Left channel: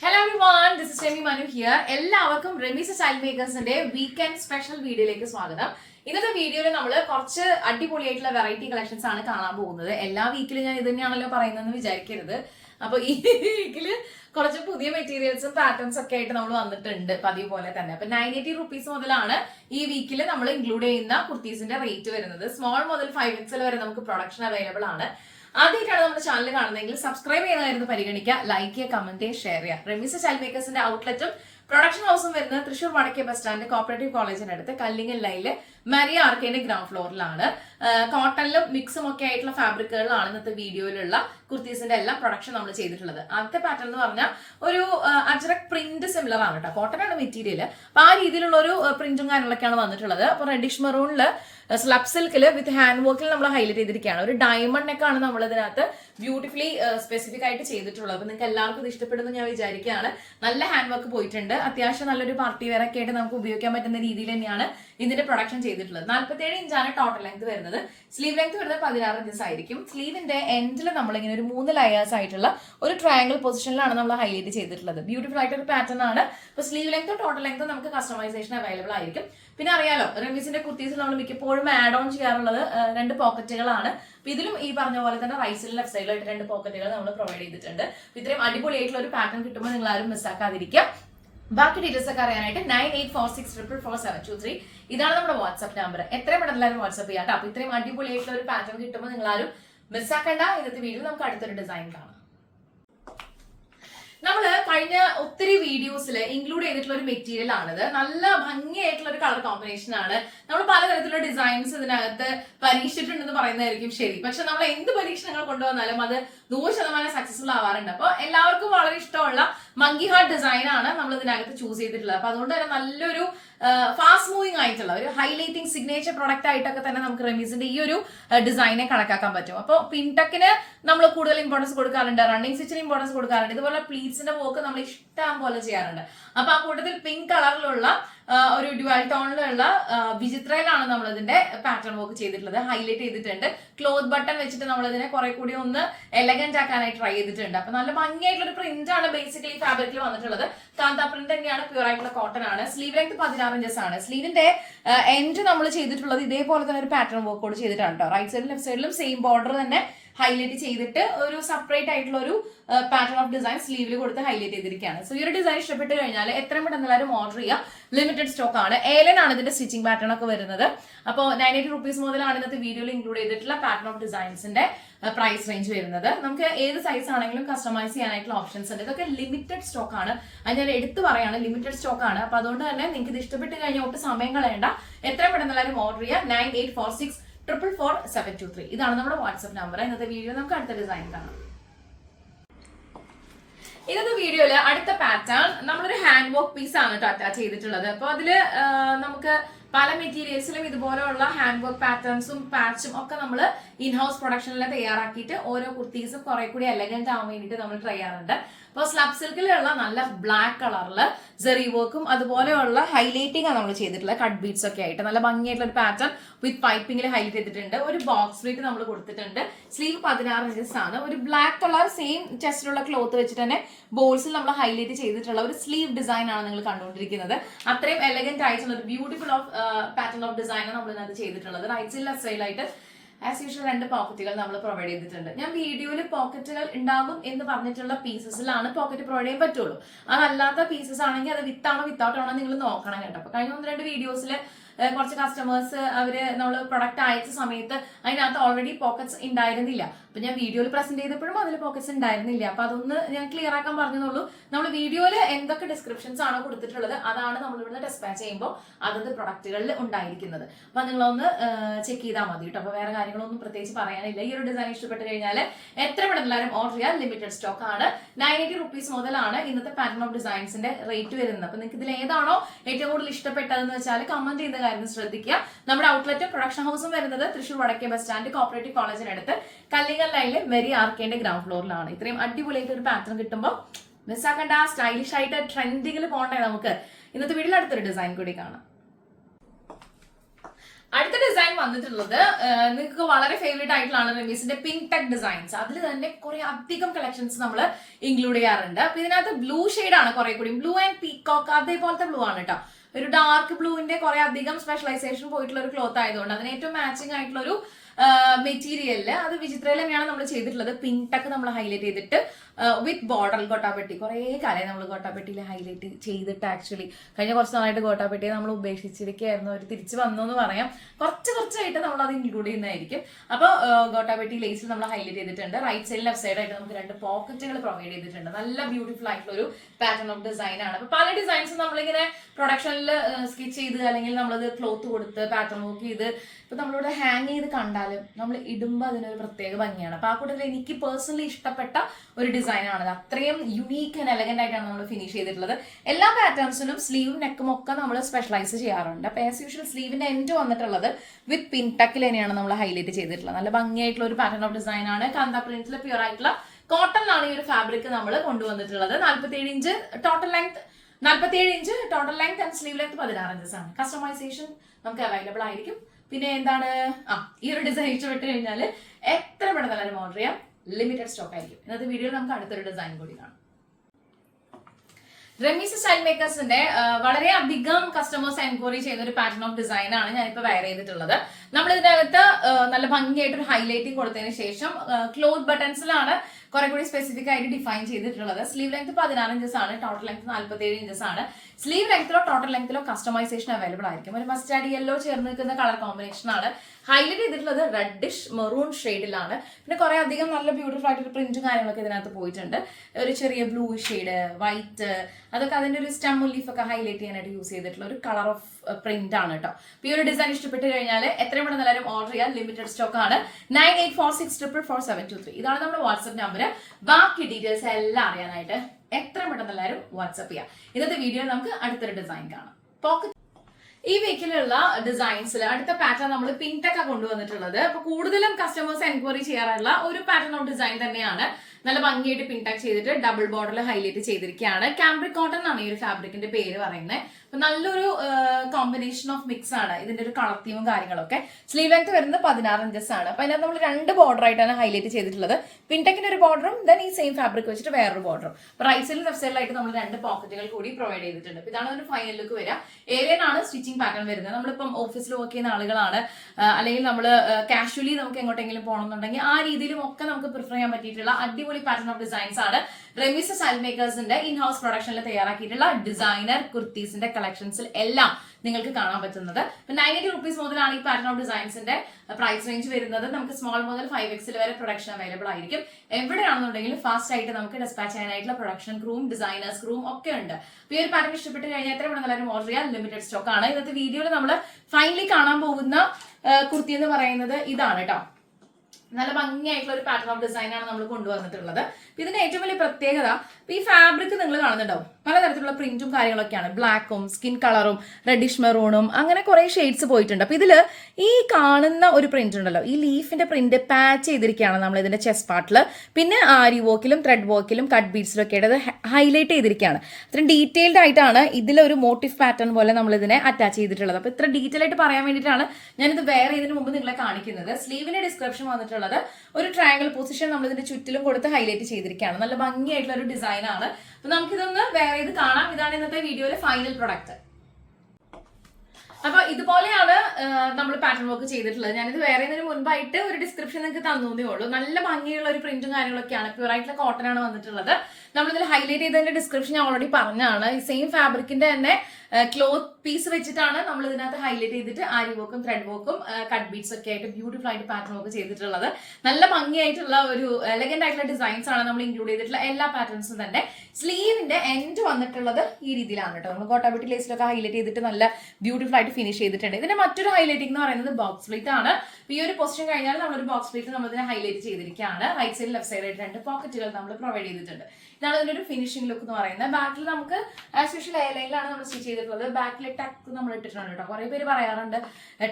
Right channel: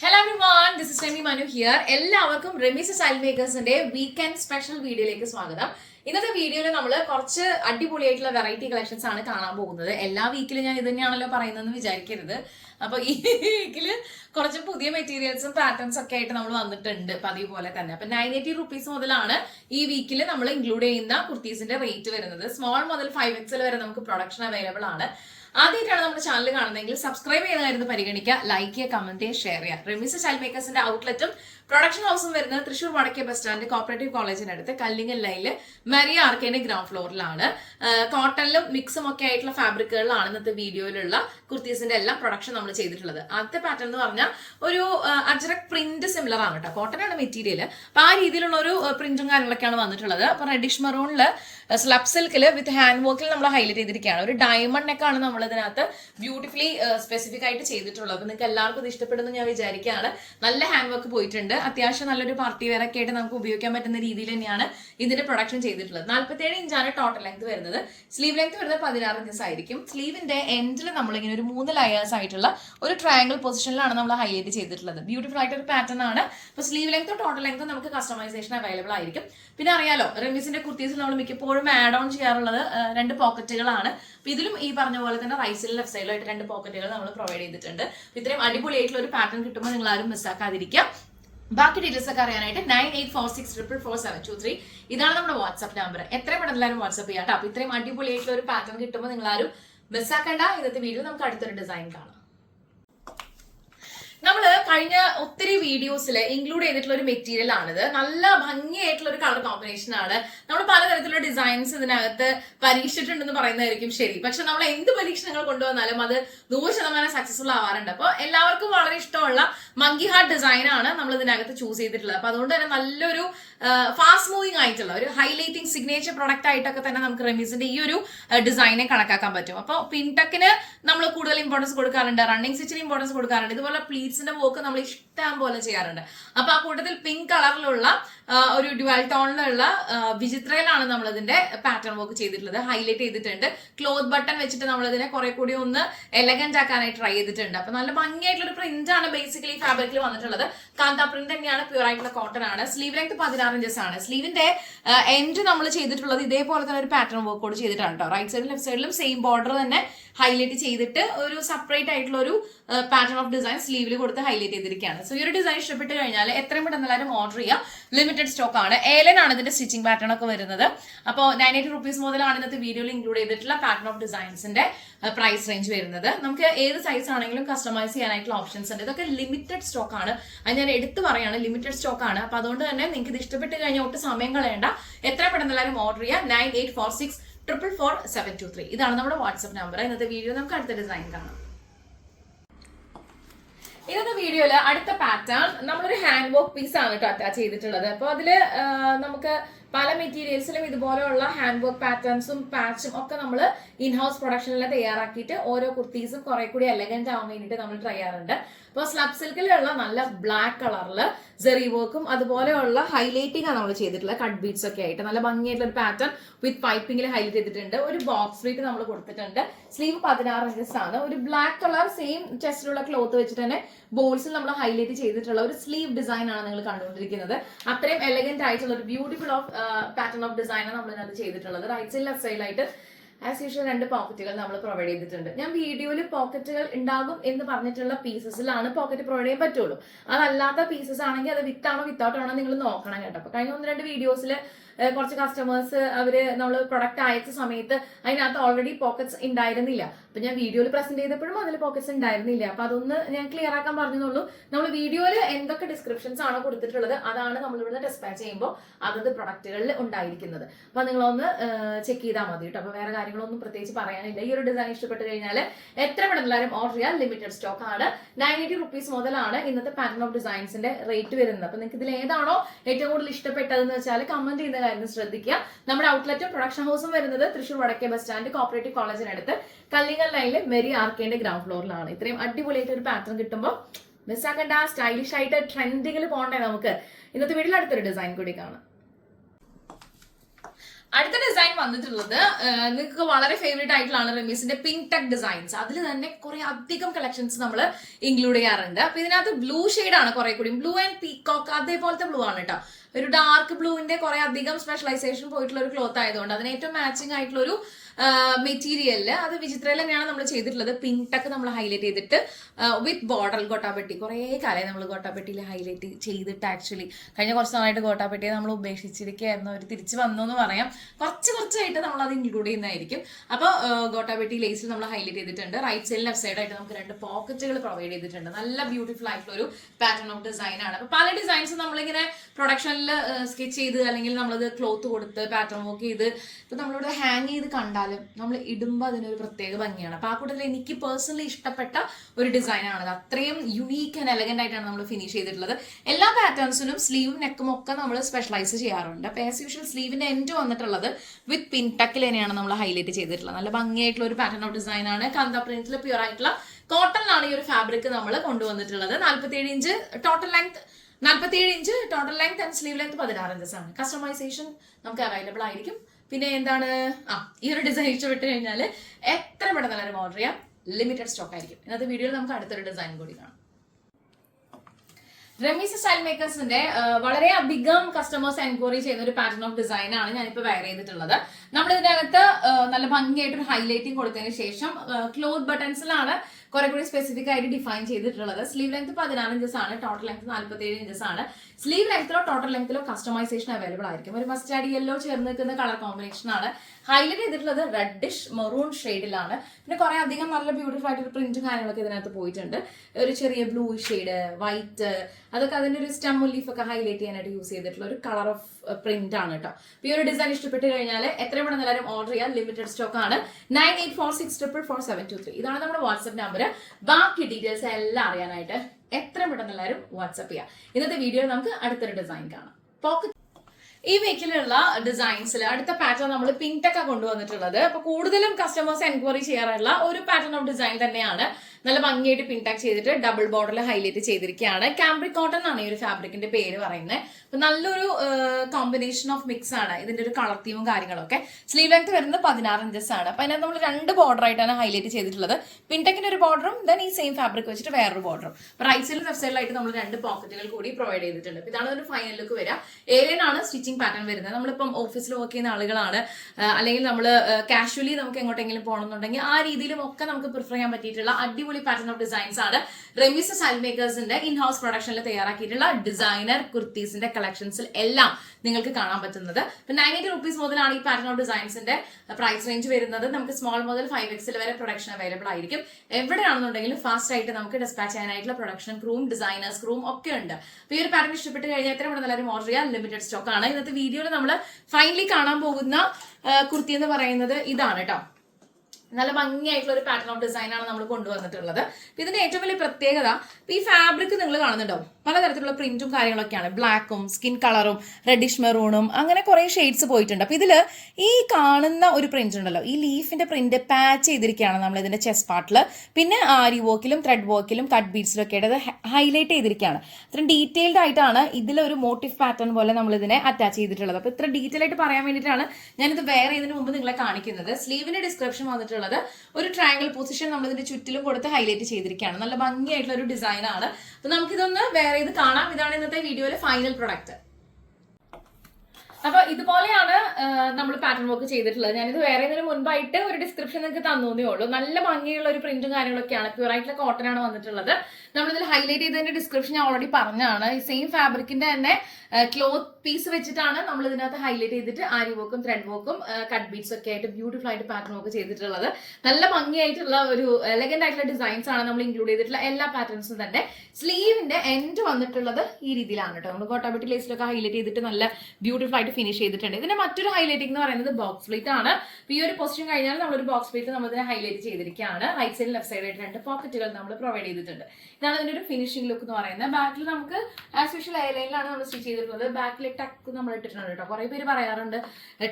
Hello everyone, this is Remi Manu here. എല്ലാവർക്കും Remees style മേക്കേഴ്സിന്റെ weekend special വീഡിയോയിലേക്ക് സ്വാഗതം. ഇന്നത്തെ വീഡിയോയിൽ നമ്മൾ കുറച്ച് അടിപൊളിയായിട്ടുള്ള വെറൈറ്റി കളക്ഷൻസ് ആണ് കാണാൻ പോകുന്നത്. എല്ലാ വീക്കിലും ഞാൻ ഇത് തന്നെയാണല്ലോ പറയുന്നതെന്ന് വിചാരിക്കരുത്. അപ്പൊ ഈ വീക്കില് കുറച്ച് പുതിയ മെറ്റീരിയൽസും പാറ്റേൺസ് ഒക്കെ ആയിട്ട് നമ്മൾ വന്നിട്ടുണ്ട് പതിവ് പോലെ തന്നെ. അപ്പൊ 980 റുപ്പീസ് മുതലാണ് ഈ വീക്കിൽ നമ്മൾ ഇൻക്ലൂഡ് ചെയ്യുന്ന കുർത്തീസിന്റെ റേറ്റ് വരുന്നത്. സ്മോൾ മുതൽ 5XL വരെ നമുക്ക് പ്രൊഡക്ഷൻ അവൈലബിൾ ആണ്. ആദ്യമായിട്ടാണ് നമ്മുടെ ചാനൽ കാണുന്നതെങ്കിൽ സബ്സ്ക്രൈബ് ചെയ്യുന്നതായിരുന്നു പരിഗണിക്കുക, ലൈക്ക് ചെയ്യുക, കമന്റ് ചെയ്യുക, ഷെയർ ചെയ്യുക. റെമീസ് സ്റ്റൈൽ മേക്കേഴ്സിന്റെ ഔട്ട്ലെറ്റും പ്രൊഡക്ഷൻ ഹൗസും വരുന്നത് തൃശൂർ വടക്കേ ബസ് സ്റ്റാൻഡ് കോപ്പറേറ്റീവ് കോളേജിനടുത്ത് കല്ലിങ്ങൽ ലൈനില് മരിയ ആർക്കേന്റെ ഗ്രൗണ്ട് ഫ്ലോറിലാണ്. കോട്ടണിലും മിക്സും ഒക്കെ ആയിട്ടുള്ള ഫാബ്രിക്കുകളിലാണ് ഇന്നത്തെ വീഡിയോയിലുള്ള കുർത്തീസിന്റെ എല്ലാം പ്രൊഡക്ഷൻ നമ്മൾ ചെയ്തിട്ടുള്ളത്. ആദ്യത്തെ പാറ്റേൺ എന്ന് പറഞ്ഞാൽ ഒരു അജ്രക് പ്രിന്റ് സിമിലർ ആണ് കേട്ടോ. കോട്ടൺ ആണ് മെറ്റീരിയൽ. അപ്പൊ ആ രീതിയിലുള്ള ഒരു പ്രിന്റും കാര്യങ്ങളൊക്കെയാണ് വന്നിട്ടുള്ളത്. അപ്പൊ റെഡിഷ് മെറൂണില് സ്ലബ് സിൽക്കില് വിത്ത് ഹാൻഡ് വർക്കിൽ നമ്മൾ ഹൈലൈറ്റ് ചെയ്തിരിക്കുകയാണ്. ഒരു ഡയമണ്ട് നെക്കാണ് നമ്മൾ ഇതിനകത്ത് ബ്യൂട്ടിഫുള്ളി സ്പെസിഫിക് ആയിട്ട് ചെയ്തിട്ടുള്ളത്. അപ്പൊ നിങ്ങൾക്ക് എല്ലാവർക്കും ഇത് ഇഷ്ടപ്പെടുന്നു ഞാൻ വിചാരിക്കുകയാണ്. നല്ല ഹാൻഡ് വർക്ക് പോയിട്ടുണ്ട്. അത്യാവശ്യം നല്ലൊരു പാർട്ടി വെയർ ഒക്കെ ആയിട്ട് നമുക്ക് ഉപയോഗിക്കാൻ പറ്റുന്ന രീതിയിൽ തന്നെയാണ് ഇതിന്റെ പ്രൊഡക്ഷൻ ചെയ്തിട്ടുള്ളത്. 47 ഇഞ്ചാണ് ടോട്ടൽ ലെങ്ത് വരുന്നത്. സ്ലീവ് ലെങ്ത് വരുന്നത് 16 ഇഞ്ചസ് ആയിരിക്കും. സ്ലീവിന്റെ എൻഡിൽ നമ്മളിങ്ങനെ ഒരു 3 ലെയേഴ്സ് ആയിട്ടുള്ള ഒരു ട്രയാങ്കിൾ പൊസിഷനിലാണ് നമ്മൾ ഹൈലൈറ്റ് ചെയ്തിട്ടുള്ളത്. ബ്യൂട്ടിഫുൾ ആയിട്ട് ഒരു പാറ്റേൺ ആണ്. അപ്പൊ സ്ലീവ് ലെങ്ത്തും ടോട്ടൽ ലെങ്ത്തും നമുക്ക് കസ്റ്റമൈസേഷൻ അവൈലബിൾ ആയിരിക്കും. പിന്നെ അറിയാലോ, റെമീസിന്റെ കുർത്തീസ് നമ്മൾ മിക്കപ്പോഴും ആഡ് ഓൺ ചെയ്യാറുള്ളത് 2 പോക്കറ്റുകളാണ്. അപ്പൊ ഇതിലും ഈ പറഞ്ഞ പോലെ തന്നെ റൈറ്റ് സൈഡിലും ലെഫ്റ്റ് സൈഡിലായിട്ട് 2 പോക്കറ്റുകൾ നമ്മൾ പ്രൊവൈഡ് ചെയ്തിട്ടുണ്ട്. ഇത്രയും അടിപൊളിയായിട്ടുള്ള ഒരു പാറ്റേൺ കിട്ടുമ്പോൾ നിങ്ങൾ ആരും മിസ്സാക്കാതിരിക്കുക. ബാക്കി ഡീറ്റെയിൽസ് ഒക്കെ അറിയാനായിട്ട് 9846444723 ഇതാണ് നമ്മുടെ വാട്സ്ആപ്പ് നമ്പർ. എത്രയും പെട്ടെന്ന് എല്ലാവരും വാട്സ്ആപ്പ് ചെയ്യാം. അപ്പൊ ഇത്രയും അടിപൊളിയായിട്ടുള്ള ഒരു പാറ്റേൺ കിട്ടുമ്പോൾ നിങ്ങൾ ആരും മിസ്സാക്കണ്ട. ഇന്നത്തെ വീഡിയോ നമുക്ക് അടുത്തൊരു ഡിസൈൻ കാണാം. നമ്മൾ കഴിഞ്ഞ ഒത്തിരി വീഡിയോസിൽ ഇൻക്ലൂഡ് ചെയ്തിട്ടുള്ള ഒരു മെറ്റീരിയൽ ആണിത്. നല്ല ഭംഗിയായിട്ടുള്ള ഒരു കളർ കോമ്പിനേഷൻ ആണ്. നമ്മൾ പലതരത്തിലുള്ള ഡിസൈൻസ് ഇതിനകത്ത് പരീക്ഷിച്ചിട്ടുണ്ടെന്ന് പറയുന്നതായിരിക്കും ശരി. പക്ഷെ നമ്മൾ എന്ത് പരീക്ഷണങ്ങൾ കൊണ്ടുവന്നാലും അത് 100% സക്സസ്ഫുൾ ആവാറുണ്ട്. അപ്പൊ എല്ലാവർക്കും വളരെ ഇഷ്ടമുള്ള മങ്കി ഹാർട്ട് ഡിസൈൻ ആണ് നമ്മൾ ഇതിനകത്ത് ചൂസ് ചെയ്തിട്ടുള്ളത്. അപ്പൊ അതുകൊണ്ട് തന്നെ നല്ലൊരു ഫാസ്റ്റ് മൂവിങ് ആയിട്ടുള്ള ഒരു ഹൈലൈറ്റിംഗ് സിഗ്നേച്ചർ പ്രൊഡക്റ്റ് ആയിട്ടൊക്കെ തന്നെ നമുക്ക് റെമീസിന്റെ ഈ ഒരു ഡിസൈനെ കണക്കാക്കാൻ പറ്റും. അപ്പോൾ പിൻടക്കിന് നമ്മൾ കൂടുതൽ ഇമ്പോർട്ടൻസ് കൊടുക്കാറുണ്ട്, റണ്ണിങ് സ്റ്റിച്ചിന് ഇമ്പോർട്ടൻസ് കൊടുക്കാറുണ്ട്. ഇതുപോലെ പ്ലീറ്റ്സിന്റെ വർക്ക് നമ്മൾ ഇഷ്ടം പോലെ ചെയ്യാറുണ്ട്. അപ്പൊ ആ കൂട്ടത്തിൽ പിങ്ക് കളറിലുള്ള ഒരു ഡ്യുവൽ ടോണിലുള്ള വിചിത്രയിലാണ് നമ്മൾ ഇതിന്റെ പാറ്റേൺ വർക്ക് ചെയ്തിട്ടുള്ളത്. ഹൈലൈറ്റ് ചെയ്തിട്ടുണ്ട്. ക്ലോത്ത് ബട്ടൺ വെച്ചിട്ട് നമ്മൾ ഇതിനെ കുറെ കൂടി ഒന്ന് എലഗന്റ് ആക്കാനായിട്ട് ട്രൈ ചെയ്തിട്ടുണ്ട്. അപ്പൊ നല്ല ഭംഗിയായിട്ടുള്ള ഒരു പ്രിന്റ് ആണ് ബേസിക്കലി ഫാബ്രിക്കിൽ വന്നിട്ടുള്ളത്. കാന്ത പ്രിന്റ് തന്നെയാണ്, പ്യൂർ ആയിട്ടുള്ള കോട്ടൺ ആണ്. സ്ലീവ് ലെങ്ത് 16 ഇഞ്ചസ് ആണ്. സ്ലീവിന്റെ എൻഡ് നമ്മൾ ചെയ്തിട്ടുള്ളത് ഇതേപോലെ തന്നെ ഒരു പാറ്റേൺ വർക്കോട് ചെയ്തിട്ടാണ് കേട്ടോ. റൈറ്റ് സൈഡിലും ലെഫ്റ്റ് സൈഡിലും സെയിം ബോർഡർ തന്നെ ഹൈലൈറ്റ് ചെയ്തിട്ട് ഒരു സെപ്പറേറ്റ് ആയിട്ടുള്ള ഒരു പാറ്റേൺ ഓഫ് ഡിസൈൻ സ്ലീവിൽ കൊടുത്ത് ഹൈലൈറ്റ് ചെയ്തിരിക്കുകയാണ്. സോ ഈ ഒരു ഡിസൈൻ ഇഷ്ടപ്പെട്ട് കഴിഞ്ഞാൽ എത്രയും പെട്ടെന്ന് എല്ലാവരും ഓർഡർ ചെയ്യുക. ലിമിറ്റഡ് സ്റ്റോക്ക് ആണ്. ഏലൻ ആണ് ഇതിന്റെ സ്റ്റിച്ചിങ് പാറ്റേൺ ഒക്കെ വരുന്നത്. അപ്പോൾ 980 റുപ്പീസ് മുതലാണ് ഇന്നത്തെ വീഡിയോയിൽ ഇൻക്ലൂഡ് ചെയ്തിട്ടുള്ള പാറ്റേൺ ഓഫ് ഡിസൈൻസിന്റെ പ്രൈസ് റേഞ്ച് വരുന്നത്. നമുക്ക് ഏത് സൈസ് ആണെങ്കിലും കസ്റ്റമൈസ് ചെയ്യാനായിട്ടുള്ള ഓപ്ഷൻസ് ഉണ്ട്. ഇതൊക്കെ ലിമിറ്റഡ് സ്റ്റോക്ക് ആണ്. അത് ഞാൻ എടുത്തു പറയാണ്, ലിമിറ്റഡ് സ്റ്റോക്ക് ആണ്. അപ്പൊ അതുകൊണ്ട് തന്നെ നിങ്ങൾക്ക് ഇത് ഇഷ്ടപ്പെട്ട് കഴിഞ്ഞാൽ ഒട്ടും സമയം കളയണ്ട. എത്രയും പെട്ടെന്ന് എല്ലാവരും ഓർഡർ ചെയ്യുക. 9846444723 ഇതാണ് നമ്മുടെ വാട്സ്ആപ്പ് നമ്പർ. ഇന്നത്തെ വീഡിയോ നമുക്ക് അടുത്ത ഡിസൈൻ കാണാം. ഇന്നത്തെ വീഡിയോയില് അടുത്ത പാറ്റേൺ നമ്മളൊരു ഹാൻഡ് വർക്ക് പീസ് ആണ് കേട്ടോ അറ്റാച്ച് ചെയ്തിട്ടുള്ളത്. അപ്പൊ അതില് നമുക്ക് പല മെറ്റീരിയൽസിലും ഇതുപോലെയുള്ള ഹാൻഡ് വർക്ക് പാറ്റേൺസും പാച്ചും ഒക്കെ നമ്മൾ ഇൻഹൗസ് പ്രൊഡക്ഷനിൽ തയ്യാറാക്കിയിട്ട് ഓരോ കുർത്തീസും കുറെ കൂടി എലഗന്റ് ആവാൻ വേണ്ടിയിട്ട് നമ്മൾ ട്രൈ ചെയ്യാറുണ്ട്. അപ്പോൾ സ്ലബ് സിൽക്കിലുള്ള നല്ല ബ്ലാക്ക് കളറിൽ ജെറി വർക്കും അതുപോലെയുള്ള ഹൈലൈറ്റിംഗ് ആണ് നമ്മൾ ചെയ്തിട്ടുള്ളത്. കട്ട് ബീഡ്സ് ഒക്കെ ആയിട്ട് നല്ല ഭംഗിയായിട്ടുള്ള ഒരു പാറ്റേൺ വിത്ത് പൈപ്പിംഗിൽ ഹൈലൈറ്റ് ചെയ്തിട്ടുണ്ട്. ഒരു ബോക്സ് ഫ്രീക്ക് നമ്മൾ കൊടുത്തിട്ടുണ്ട്. സ്ലീവ് 16 ഇഞ്ചസ് ആണ്. ഒരു ബ്ലാക്ക് കളർ സെയിം ചെസ്റ്റിലുള്ള ക്ലോത്ത് വെച്ചിട്ട് തന്നെ ബോൾസിൽ നമ്മൾ ഹൈലൈറ്റ് ചെയ്തിട്ടുള്ള ഒരു സ്ലീവ് ഡിസൈൻ ആണ് നിങ്ങൾ കണ്ടുകൊണ്ടിരിക്കുന്നത്. അത്രയും എലഗന്റ് ആയിട്ടുള്ള ഒരു beautiful of pattern of design ആണ് നമ്മൾ ഇതിനകത്ത് ചെയ്തിട്ടുള്ളത്. റൈറ്റ് സൈഡ് ലെഫ്റ്റ് സൈഡിലായിട്ട് ആസ് യൂഷ്വൽ 2 പോക്കറ്റുകൾ നമ്മൾ പ്രൊവൈഡ് ചെയ്തിട്ടുണ്ട്. ഞാൻ വീഡിയോയിൽ പോക്കറ്റുകൾ ഉണ്ടാകും എന്ന് പറഞ്ഞിട്ടുള്ള പീസസിലാണ് പോക്കറ്റ് പ്രൊവൈഡ് ചെയ്യാൻ പറ്റുള്ളൂ. അതല്ലാത്ത പീസസ് ആണെങ്കിൽ അത് വിത്താണോ വിത്തൗട്ട് ആണോ നിങ്ങൾ നോക്കണം കേട്ടോ. അപ്പൊ കഴിഞ്ഞ 1-2 വീഡിയോസിൽ കുറച്ച് കസ്റ്റമേഴ്സ് നമ്മൾ പ്രൊഡക്റ്റ് അയച്ച സമയത്ത് അതിനകത്ത് ഓൾറെഡി പോക്കറ്റ്സ് ഉണ്ടായിരുന്നില്ല. അപ്പൊ ഞാൻ വീഡിയോയിൽ പ്രസന്റ് ചെയ്തപ്പോഴും അതിൽ പോക്കറ്റ്സ് ഉണ്ടായിരുന്നില്ല. അപ്പൊ അതൊന്ന് ഞാൻ ക്ലിയർ ആക്കാൻ പറഞ്ഞുള്ളൂ. നമ്മൾ വീഡിയോയിൽ എന്തൊക്കെ ഡിസ്ക്രിപ്ഷൻസ് ആണ് കൊടുത്തിട്ടുള്ളത് അതാണ് നമ്മൾ ഇവിടെ ഡിസ്പാച്ച് ചെയ്യുമ്പോൾ അതത് പ്രൊഡക്റ്റുകളിൽ ഉണ്ടായിരിക്കുന്നത്. അപ്പൊ നിങ്ങളൊന്ന് ചെക്ക് ചെയ്താൽ മതി കേട്ടോ. അപ്പൊ വേറെ കാര്യങ്ങളൊന്നും പ്രത്യേകിച്ച് പറയാനില്ല. ഈ ഒരു ഡിസൈൻ ഇഷ്ടപ്പെട്ട് കഴിഞ്ഞാൽ എത്ര പെട്ടെന്ന് എല്ലാവരും ഓർഡർ ചെയ്യാൻ. ലിമിറ്റഡ് സ്റ്റോക്ക് ആണ്. 980 റുപ്പീസ് മുതലാണ് ഇന്നത്തെ പാറ്റേൺ ഓഫ് ഡിസൈൻസിന്റെ റേറ്റ് വരുന്നത്. അപ്പൊ നിങ്ങൾക്ക് ഇതിൽ ഏതാണോ ഏറ്റവും കൂടുതൽ ഇഷ്ടപ്പെട്ടതെന്ന് വെച്ചാൽ കമന്റ് ചെയ്യുന്ന കാര്യം ശ്രദ്ധിക്കുക. നമ്മുടെ ഔട്ട്ലെറ്റ് പ്രൊഡക്ഷൻ ഹൗസും വരുന്നത് തൃശൂർ വടക്കേ ബസ് സ്റ്റാൻഡ് കോപ്പറേറ്റീവ് കോളേജിനടുത്ത് കല്ലിങ്ങൽ ലൈനിൽ മെരി ആർക്കേന്റെ ഗ്രൗണ്ട് ഫ്ലോറിലാണ്. ഇത്രയും അടിപൊളിയായിട്ട് ഒരു പാറ്റേൺ കിട്ടുമ്പോൾ മിസ്സാക്കണ്ട. സ്റ്റൈലിഷ് ആയിട്ട് ട്രെൻഡിങ്ങിൽ പോകണ്ടേ നമുക്ക്. ഇന്നത്തെ വീട്ടിൽ അടുത്തൊരു ഡിസൈൻ കൂടി കാണാം. അടുത്ത ഡിസൈൻ വന്നിട്ടുള്ളത് നിങ്ങൾക്ക് വളരെ ഫേവറേറ്റ് ആയിട്ടുള്ളതാണ് റെമീസിന്റെ പിങ്ക് ടെക് ഡിസൈൻസ്. അതിൽ തന്നെ കുറെ അധികം കളക്ഷൻസ് നമ്മൾ ഇൻക്ലൂഡ് ചെയ്യാറുണ്ട്. അപ്പൊ ഇതിനകത്ത് ബ്ലൂ ആണ് കുറെ കൂടി, ബ്ലൂ ആൻഡ് പീകോക്ക് അതേപോലത്തെ ബ്ലൂ ആണ് കേട്ടോ. ഒരു ഡാർക്ക് ബ്ലൂവിന്റെ കുറെ അധികം സ്പെഷ്യലൈസേഷൻ പോയിട്ടുള്ള ഒരു ക്ലോത്ത് ആയതുകൊണ്ട് അതിന് ഏറ്റവും മാച്ചിങ് ആയിട്ടുള്ള ഒരു മെറ്റീരിയലില് അത് വിചിത്രയിൽ തന്നെയാണ് നമ്മൾ ചെയ്തിട്ടുള്ളത്. പിങ്ക് ടെക് നമ്മൾ ഹൈലൈറ്റ് ചെയ്തിട്ട് വിത്ത് ബോർഡർ ഗോട്ടാപ്പെട്ടി. കുറെ കാലം നമ്മൾ ഗോട്ടാപ്പെട്ടിയിൽ ഹൈലൈറ്റ് ചെയ്തിട്ട് ആക്ച്വലി കഴിഞ്ഞ കുറച്ച് നാളായിട്ട് ഗോട്ടാപ്പെട്ടിയെ നമ്മൾ ഉപേക്ഷിച്ചിരിക്കുകയായിരുന്നു. അവർ തിരിച്ചു വന്നു എന്ന് പറയാം. കുറച്ചായിട്ട് നമ്മൾ അത് ഇൻക്ലൂഡ് ചെയ്യുന്നതായിരിക്കും. അപ്പോൾ ഗോട്ടാപ്പെട്ടി ലേസിൽ നമ്മൾ ഹൈലൈറ്റ് ചെയ്തിട്ടുണ്ട്. റൈറ്റ് സൈഡിൽ ലെഫ്റ്റ് സൈഡ് ആയിട്ട് നമുക്ക് 2 പോക്കറ്റുകൾ പ്രൊവൈഡ് ചെയ്തിട്ടുണ്ട്. നല്ല ബ്യൂട്ടിഫുൾ ആയിട്ടുള്ള ഒരു പാറ്റേൺ ഓഫ് ഡിസൈൻ ആണ്. അപ്പൊ പല ഡിസൈൻസും നമ്മളിങ്ങനെ പ്രൊഡക്ഷനിൽ സ്കെച്ച് ചെയ്ത് അല്ലെങ്കിൽ നമ്മളത് ക്ലോത്ത് കൊടുത്ത് പാറ്റേൺ വർക്ക് ചെയ്ത് ഇപ്പൊ നമ്മളിവിടെ ഹാങ് ചെയ്ത് കണ്ടാലും നമ്മൾ ഇടുമ്പോൾ അതിനൊരു പ്രത്യേക ഭംഗിയാണ്. അപ്പൊ ആ കൂട്ടത്തിൽ എനിക്ക് പേഴ്സണലി ഇഷ്ടപ്പെട്ട ഒരു ഡിസൈൻ ആണ്. അത്രയും യുണീക്ക് ആൻഡ് എലഗന്റ് ആയിട്ടാണ് നമ്മൾ ഫിനിഷ് ചെയ്തിട്ടുള്ളത്. എല്ലാ പാറ്റേൺസിലും സ്ലീവും നെക്കും ഒക്കെ നമ്മൾ സ്പെഷ്യലൈസ് ചെയ്യാറുണ്ട്. അപ്പൊ ആസ് യൂഷ്വൽ സ്ലീവിന്റെ എൻഡ് വന്നിട്ടുള്ളത് വിത്ത് പിങ്ക് ടെക്കിൽ തന്നെയാണ് നമ്മൾ ഹൈലൈറ്റ് ചെയ്തിട്ടുള്ളത്. നല്ല ഭംഗിയായിട്ടുള്ള ഒരു പാറ്റേൺ ഓഫ് ഡിസൈൻ ആണ്. കാന്ത പ്രിന്റിൽ പ്യൂർ ആയിട്ടുള്ള കോട്ടണിലാണ് ഈ ഒരു ഫാബ്രിക് നമ്മൾ കൊണ്ടുവന്നിട്ടുള്ളത്. 47 inch total length, 47 inch total length and sleeve length 16 inches ആണ്. കസ്റ്റമൈസേഷൻ നമുക്ക് അവൈലബിൾ ആയിരിക്കും. പിന്നെ എന്താണ്, ഈ ഒരു ഡിസൈൻ ഇഷ്ടപ്പെട്ട് കഴിഞ്ഞാൽ എത്ര പെട്ടെന്ന് എല്ലാവരും ഓർഡർ ചെയ്യാം. ലിമിറ്റഡ് സ്റ്റോക്ക് ആയിരിക്കും. ഇന്നത്തെ വീഡിയോയിൽ നമുക്ക് അടുത്തൊരു ഡിസൈൻ കൂടി കാണാം. റെമീസ് സ്റ്റൈൽ മേക്കേഴ്സിന്റെ വളരെ അധികം കസ്റ്റമേഴ്സ് എൻക്വയറി ചെയ്യുന്ന ഒരു പാറ്റേൺ ഓഫ് ഡിസൈൻ ആണ് ഞാനിപ്പോൾ വെയർ ചെയ്തിട്ടുള്ളത്. നമ്മൾ ഇതിനകത്ത് നല്ല ഭംഗിയായിട്ട് ഒരു ഹൈലൈറ്റിംഗ് കൊടുത്തതിന് ശേഷം ക്ലോത്ത് ബട്ടൺസിലാണ് കുറെ കൂടി സ്പെസിഫിക് ആയിട്ട് ഡിഫൈൻ ചെയ്തിട്ടുള്ളത്. സ്ലീവ് ലെങ്ത് 16 ഇഞ്ചസ് ആണ്, ടോട്ടൽ ലെങ്ത് 47 ഇഞ്ചസ് ആണ്. സ്ലീവ് ലെങ്ത്തിലോ ടോട്ടൽ ലെങ്ത്തിലോ കസ്റ്റമൈസേഷൻ അവൈലബിൾ ആയിരിക്കും. ഒരു മസ്റ്റാർഡ് യെല്ലോ ചേർന്ന് നിൽക്കുന്ന കളർ കോമ്പിനേഷൻ ആണ്. ഹൈലൈറ്റ് ചെയ്തിട്ടുള്ളത് റെഡിഷ് മെറൂൺ ഷെയ്ഡിലാണ്. പിന്നെ കുറെ അധികം നല്ല ബ്യൂട്ടിഫുൾ ആയിട്ടൊരു പ്രിന്റും കാര്യങ്ങളൊക്കെ ഇതിനകത്ത് പോയിട്ടുണ്ട്. ഒരു ചെറിയ ബ്ലൂ ഷെയ്ഡ്, വൈറ്റ്, അതൊക്കെ അതിന്റെ ഒരു സ്റ്റെം ലീഫ് ഒക്കെ ഹൈലൈറ്റ് ചെയ്യാനായിട്ട് യൂസ് ചെയ്തിട്ടുള്ള ഒരു കളർ ഓഫ് പ്രിന്റ് ആണ് കേട്ടോ. ഈ ഒരു ഡിസൈൻ ഇഷ്ടപ്പെട്ട് കഴിഞ്ഞാൽ എത്രയും പെട്ടെന്ന് എല്ലാവരും ഓർഡർ ചെയ്യാൻ. ലിമിറ്റഡ് സ്റ്റോക്ക് ആണ്. 9846444723 ഇതാണ് നമ്മുടെ വാട്സ്ആപ്പ് നമ്പർ. ബാക്കി ഡീറ്റെയിൽസ് എല്ലാം അറിയാനായിട്ട് എത്രയും പെട്ടെന്ന് എല്ലാവരും വാട്സ്ആപ്പ് ചെയ്യാം. ഇന്നത്തെ വീഡിയോയിൽ നമുക്ക് അടുത്തൊരു ഡിസൈൻ കാണാം. പോക്കറ്റ് ഈ വീക്കിലുള്ള ഡിസൈൻസിൽ അടുത്ത പാറ്റേൺ നമ്മൾ പിങ്ക് ടെക്കാ കൊണ്ടുവന്നിട്ടുള്ളത്. അപ്പൊ കൂടുതലും കസ്റ്റമേഴ്സ് എൻക്വയറി ചെയ്യാറുള്ള ഒരു പാറ്റേൺ ഓഫ് ഡിസൈൻ തന്നെയാണ്. നല്ല ഭംഗിയായിട്ട് പിങ്ക് ടെക്ക് ചെയ്തിട്ട് ഡബിൾ ബോർഡറിൽ ഹൈലൈറ്റ് ചെയ്തിരിക്കുകയാണ്. കാംബ്രിക് കോട്ടൺ ആണ് ഈ ഒരു ഫാബ്രിക്കിന്റെ പേര് പറയുന്നത്. അപ്പൊ നല്ലൊരു കോമ്പിനേഷൻ ഓഫ് മിക്സ് ആണ് ഇതിന്റെ ഒരു കളർ തീമും കാര്യങ്ങളൊക്കെ. സ്ലീവ് ലെങ്ത് വരുന്നത് 16 ഇഞ്ചസ് ആണ്. അപ്പൊ അതിനകത്ത് നമ്മൾ 2 ബോർഡർ ആയിട്ടാണ് ഹൈലൈറ്റ് ചെയ്തിട്ടുള്ളത്. പിങ്ക് ടെക്കിന്റെ ഒരു ബോർഡറും ദെൻ ഈ സെയിം ഫാബ്രിക് വെച്ചിട്ട് വേറൊരു ബോർഡറും. റൈറ്റ് സൈഡിലും ലെഫ്റ്റ് സൈഡിലായിട്ട് നമ്മൾ 2 പോക്കറ്റുകൾ കൂടി പ്രൊവൈഡ് ചെയ്തിട്ടുണ്ട്. ഇതാണ് ഒരു ഫൈനൽ ലുക്ക് വരിക. ഏരിയനാണ് സ്റ്റിച്ചിങ് പാറ്റേൺ വരുന്നത്. നമ്മളിപ്പം ഓഫീസിൽ വർക്ക് ചെയ്യുന്ന ആളുകളാണ്, അല്ലെങ്കിൽ നമ്മൾ കാഷ്വലി നമുക്ക് എങ്ങോട്ടെങ്കിലും പോകണമെന്നുണ്ടെങ്കിൽ ആ രീതിയിലും ഒക്കെ നമുക്ക് പ്രിഫർ ചെയ്യാൻ പറ്റിയിട്ടുള്ള അടിപൊളി പാറ്റേൺ ഓഫ് ഡിസൈൻസ് ആണ് റെമീസ് സ്റ്റൈൽ മേക്കേഴ്സിന്റെ ഇൻ ഹൗസ് പ്രൊഡക്ഷനിൽ തയ്യാറാക്കിയിട്ടുള്ള ഡിസൈനർ കുർത്തീസിന്റെ കളക്ഷൻസിൽ എല്ലാം നിങ്ങൾക്ക് കാണാൻ പറ്റുന്നത്. 90 rupees മുതലാണ് ഈ പാറ്റേൺ ഓഫ് ഡിസൈൻസിന്റെ പ്രൈസ് റേഞ്ച് വരുന്നത്. നമുക്ക് സ്മോൾ മുതൽ 5XL വരെ പ്രൊഡക്ഷൻ അവൈലബിൾ ആയിരിക്കും. എവിടെയാണെന്നുണ്ടെങ്കിലും ഫാസ്റ്റ് ആയിട്ട് നമുക്ക് ഡിസ്പാച്ച് ചെയ്യാനായിട്ടുള്ള പ്രൊഡക്ഷൻ ക്രൂവും ഡിസൈനേഴ്സ് ക്രൂവും ഒക്കെ ഉണ്ട്. അപ്പോൾ ഈ ഒരു പാറ്റേൺ ഇഷ്ടപ്പെട്ട് കഴിഞ്ഞാൽ എത്ര മണി എല്ലാവരും ഓർഡർ ചെയ്യാൻ. ലിമിറ്റഡ് സ്റ്റോക്ക് ആണ്. ഇന്നത്തെ വീഡിയോയിൽ നമ്മൾ ഫൈനലി കാണാൻ പോകുന്ന കുർത്തി എന്ന് പറയുന്നത് ഇതാണ് കേട്ടോ. നല്ല ഭംഗിയായിട്ടുള്ള ഒരു പാറ്റേൺ ഓഫ് ഡിസൈൻ ആണ് നമ്മൾ കൊണ്ടുവന്നിട്ടുള്ളത്. ഇതിന്റെ ഏറ്റവും വലിയ പ്രത്യേകത ഈ ഫാബ്രിക് നിങ്ങൾ കാണുന്നുണ്ടാവും. പലതരത്തിലുള്ള പ്രിന്റും കാര്യങ്ങളൊക്കെയാണ്. ബ്ലാക്കും സ്കിൻ കളറും റെഡിഷ് മെറൂണും അങ്ങനെ കുറെ ഷെയ്ഡ്സ് പോയിട്ടുണ്ട്. അപ്പൊ ഇതില് ഈ കാണുന്ന ഒരു പ്രിന്റ് ഉണ്ടല്ലോ, ഈ ലീഫിന്റെ പ്രിന്റ് പാച്ച് ചെയ്തിരിക്കുകയാണ് നമ്മൾ ഇതിന്റെ ചെസ്റ്റ് പാർട്ടിൽ. പിന്നെ ആരി വർക്കിലും ത്രെഡ് വർക്കിലും കട്ട് ബീഡ്സിലും ഒക്കെ ആയിട്ട് ഹൈലൈറ്റ് ചെയ്തിരിക്കുകയാണ്. ഇത്രയും ഡീറ്റെയിൽഡ് ആയിട്ടാണ് ഇതിലൊരു മോട്ടീവ് പാറ്റേൺ പോലെ നമ്മൾ ഇതിനെ അറ്റാച്ച് ചെയ്തിട്ടുള്ളത്. അപ്പൊ ഇത്ര ഡീറ്റെയിൽ ആയിട്ട് പറയാൻ വേണ്ടിയിട്ടാണ് ഞാനിത് വേറെ ഇതിന് മുമ്പ് നിങ്ങളെ കാണിക്കുന്നത്. സ്ലീവിന്റെ ഡിസ്ക്രിപ്ഷൻ വന്നിട്ടുള്ളത് ഒരു ട്രയാങ്കിൾ പൊസിഷൻ നമ്മൾ ഇതിന്റെ ചുറ്റിലും കൊടുത്ത് ഹൈലൈറ്റ് ചെയ്തിരിക്കുകയാണ്. നല്ല ഭംഗിയായിട്ടുള്ള ഒരു ഡിസൈൻ ആണ്. അപ്പൊ നമുക്കിതൊന്ന് വേറെ ഇത് കാണാം. ഇതാണ് ഇന്നത്തെ വീഡിയോയിലെ ഫൈനൽ പ്രൊഡക്റ്റ്. അപ്പൊ ഇതുപോലെയാണ് നമ്മൾ പാറ്റേൺ വർക്ക് ചെയ്തിട്ടുള്ളത്. ഞാനിത് വേറെ ഇതിന് മുൻപായിട്ട് ഒരു ഡിസ്ക്രിപ്ഷൻ നിങ്ങൾക്ക് തന്നേ ഉള്ളൂ. നല്ല ഭംഗിയുള്ള ഒരു പ്രിന്റും കാര്യങ്ങളൊക്കെയാണ്. പ്യൂർ ആയിട്ടുള്ള കോട്ടൺ ആണ് വന്നിട്ടുള്ളത്. നമ്മളിതിൽ ഹൈലൈറ്റ് ചെയ്തതിന്റെ ഡിസ്ക്രിപ്ഷൻ ഞാൻ ഓൾറെഡി പറഞ്ഞാണ്. ഈ സെയിം ഫാബ്രിക്കിന്റെ തന്നെ ക്ലോത്ത് പീസ് വെച്ചിട്ടാണ് നമ്മൾ ഇതിനകത്ത് ഹൈലൈറ്റ് ചെയ്തിട്ട് ആരി വർക്കും ത്രെഡ് വർക്കും കട്ട് ബീഡ്സ് ഒക്കെ ആയിട്ട് ബ്യൂട്ടിഫുൾ ആയിട്ട് പാറ്റേൺ വർക്ക് ചെയ്തിട്ടുള്ളത്. നല്ല ഭംഗിയായിട്ടുള്ള ഒരു എലഗന്റ് ആയിട്ടുള്ള ഡിസൈൻസ് ആണ് നമ്മൾ ഇൻക്ലൂഡ് ചെയ്തിട്ടുള്ള എല്ലാ പാറ്റേൺസും തന്നെ. സ്ലീവിന്റെ എൻഡ് വന്നിട്ടുള്ളത് ഈ രീതിയിലാണ് കേട്ടോ. നമ്മൾ ഗോട്ടാബിറ്റി ലേസിലൊക്കെ ഹൈലൈറ്റ് ചെയ്തിട്ട് നല്ല ബ്യൂട്ടിഫുൾ ആയിട്ട് ഫിനിഷ് ചെയ്തിട്ടുണ്ട്. ഇതിന്റെ മറ്റൊരു ഹൈലൈറ്റിംഗ് എന്ന് പറയുന്നത് ബോക്സ് പ്ലീറ്റ് ആണ്. ഈ ഒരു പൊസിഷൻ കഴിഞ്ഞാൽ നമ്മളൊരു ബോക്സ് പ്ലീറ്റ് നമ്മൾ ഇതിനെ ഹൈലൈറ്റ് ചെയ്തിരിക്കുകയാണ്. റൈറ്റ് സൈഡിൽ ലെഫ്റ്റ് സൈഡായിട്ട് 2 പോക്കറ്റുകൾ നമ്മൾ പ്രൊവൈഡ് ചെയ്തിട്ടുണ്ട്. ഇതാണ് ഇതിന്റെ ഒരു ഫിനിഷിംഗ് ലുക്ക് എന്ന് പറയുന്നത്. ബാക്കിൽ നമുക്ക് ആസ് യൂഷ്വൽ എയർലൈനിലാണ് നമ്മൾ സ്റ്റിച്ച് ചെയ്തിട്ടുള്ളത്. ബാക്കിൽ ടക്ക് നമ്മൾ ഇട്ടിട്ടുണ്ട് കേട്ടോ. കുറെ പേര് പറയാറുണ്ട്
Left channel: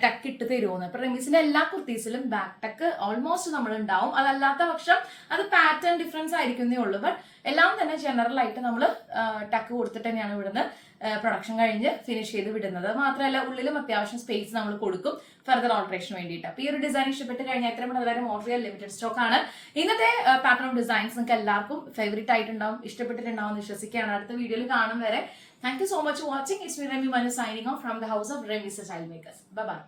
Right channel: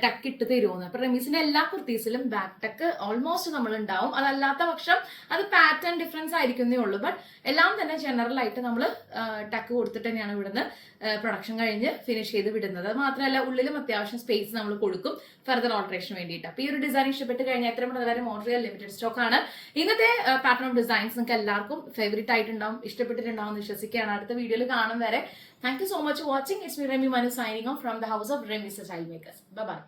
ടക്ക് ഇട്ട് തരുമെന്ന്. അപ്പൊ റെമീസിന്റെ എല്ലാ കുർത്തീസിലും ബാക്ക് ടക്ക് ഓൾമോസ്റ്റ് നമ്മൾ ഉണ്ടാവും. അതല്ലാത്ത പക്ഷം അത് പാറ്റേൺ ഡിഫറൻസ് ആയിരിക്കുന്നേ ഉള്ളൂ. ബട്ട് എല്ലാം തന്നെ ജനറൽ ആയിട്ട് നമ്മൾ ടക്ക് കൊടുത്തിട്ട് തന്നെയാണ് ഇവിടുന്ന് പ്രൊഡക്ഷൻ കഴിഞ്ഞ് ഫിനിഷ് ചെയ്ത് വിടുന്നത്. മാത്രമല്ല ഉള്ളിലും അത്യാവശ്യം സ്പേസ് നമ്മൾ കൊടുക്കും ഫർദർ ഓൾട്ടറേഷന് വേണ്ടിയിട്ട്. അപ്പോൾ ഈ ഒരു ഡിസൈൻ ഇഷ്ടപ്പെട്ട് കഴിഞ്ഞാൽ എത്രയും പെട്ടെന്ന് ഓർഡർ ചെയ്യാൻ ലിമിറ്റഡ് സ്റ്റോക്ക് ആണ്. ഇന്നത്തെ പാറ്റേൺ ഓഫ് ഡിസൈൻസ് നിങ്ങൾക്ക് എല്ലാവർക്കും ഫേവറേറ്റ് ആയിട്ടുണ്ടാവും, ഇഷ്ടപ്പെട്ടിട്ടുണ്ടാവും എന്ന് വിശ്വസിക്കുകയാണ്. അടുത്ത വീഡിയോയിൽ കാണും വരെ thank you so much watching. It's me Remi Manu signing off from the house of Remees style makers. Bye bye.